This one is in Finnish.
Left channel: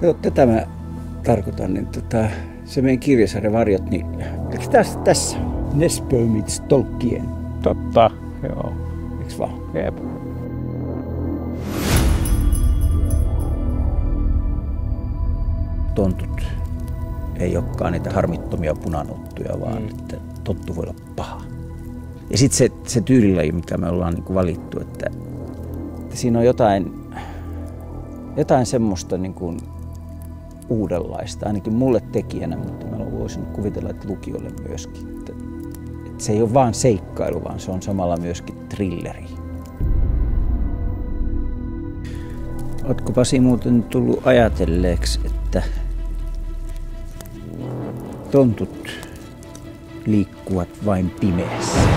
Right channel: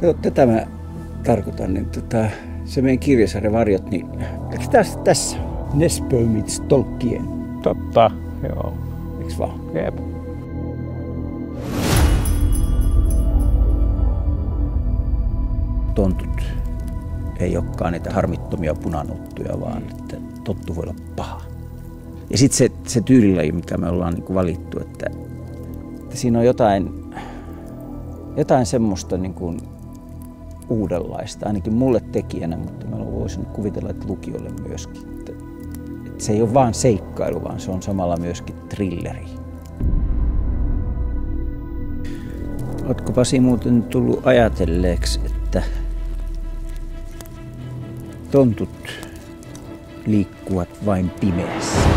Kato, tätä mä tarkoitan, niin se meidän kirjasarja Varjot, niin eikö tässä? Nesbø meets Tolkien. Totta, joo. Eiks vaan? Jep. Tontut ei olekaan niitä harmittomia punanuttuja, vaan että tonttu voi olla paha. Ja sitten se tyylilaji, mikä me ollaan niin kuin valittu, että siinä on jotain semmoista niin kuin uudenlaista, ainakin mulle tekijänä, mutta mä voisin kuvitella, että lukijoille myöskin. Että se ei ole vaan seikkailu, vaan se on samalla myöskin thrilleri. Ootko Pasi muuten tullut ajatelleeksi, että tontut liikkuvat vain pimeässä?